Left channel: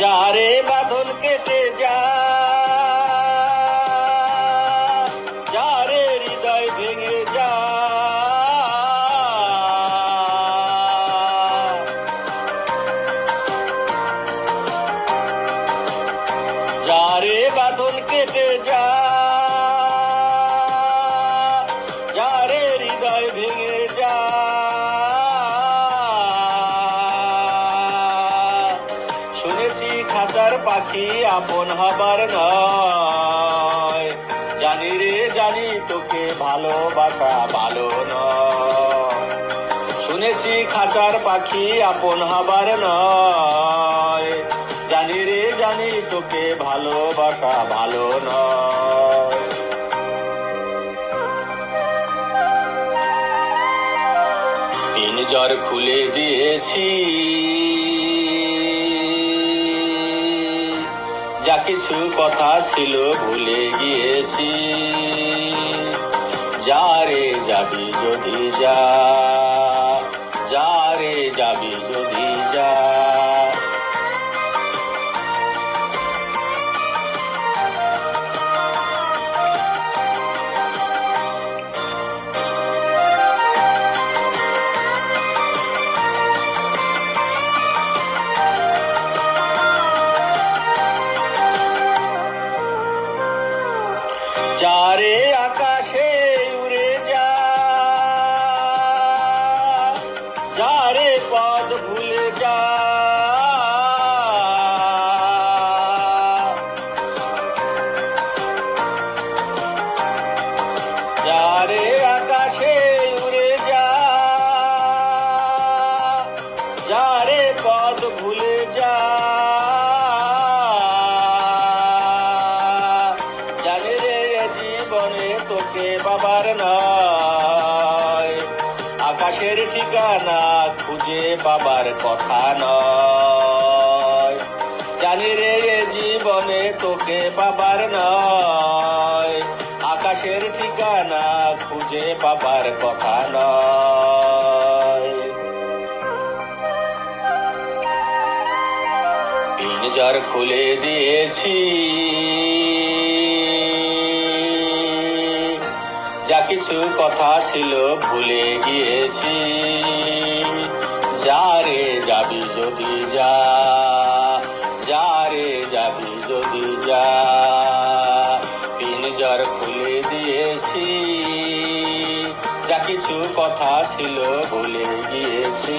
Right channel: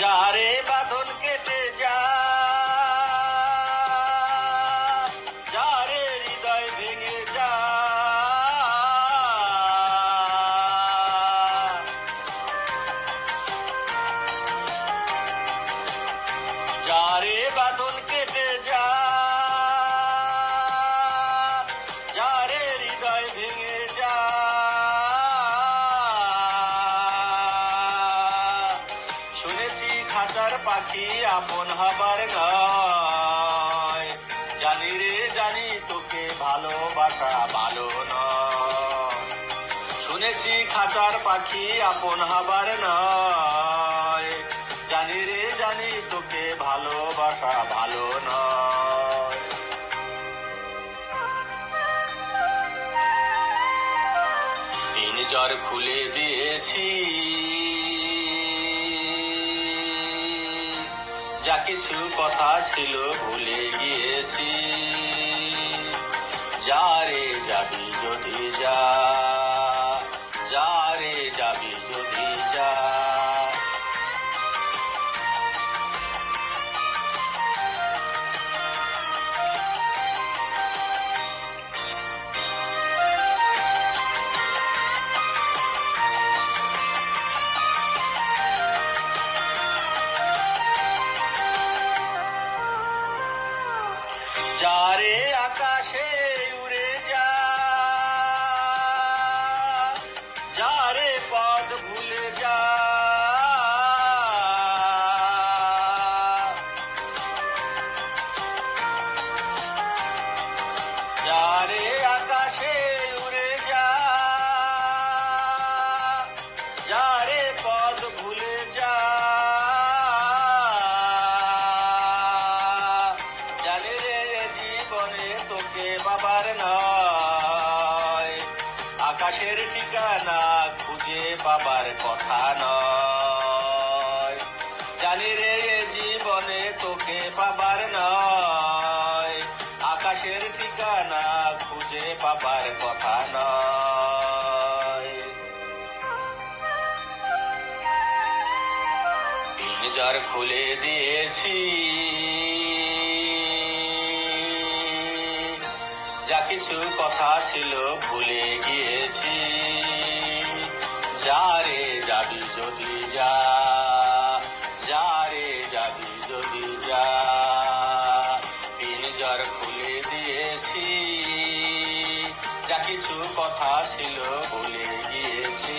যারে বাঁধন কেটে যা, যারে হৃদয় ভেঙে যা, যারে বাঁধন কেটে যা, যারে হৃদয় ভেঙে যা, শুনেছি খাঁচার পাখি আপন হবার নয়, জানি রে জানি তোকে ভালোবাসা ভালো নয়। শুনেছি খাঁচার পাখি আপন হবার নয়, জানি রে জানি তোকে ভালোবাসা ভালো নয়। পিঞ্জর খুলে দিয়েছি, যা কিছু কথা ছিল ভুলে গিয়েছি। যারে যাবি যদি যা, যারে যাবি যদি যা। যারে আকাশে উড়ে যা, যারে পথ ভুলে যা, যারে আকাশে উড়ে যা, যারে পথ ভুলে যা, জানি রে জীবনে তোকে পাবার নয়, আকাশের ঠিকানা খুঁজে পাবার কথা নয়। জানি রে জীবনে তোকে পাবার নয়, আকাশের ঠিকানা খুঁজে পাবার কথা নয়। পিঞ্জর খুলে দিয়েছি, যা কিছু কথা ছিল ভুলে গিয়েছি। যারে যাবি যদি যা, যারে যাবি যদি যা। পিঞ্জর খুলে দিয়েছি, যা কিছু কথা ছিল ভুলে গিয়েছি।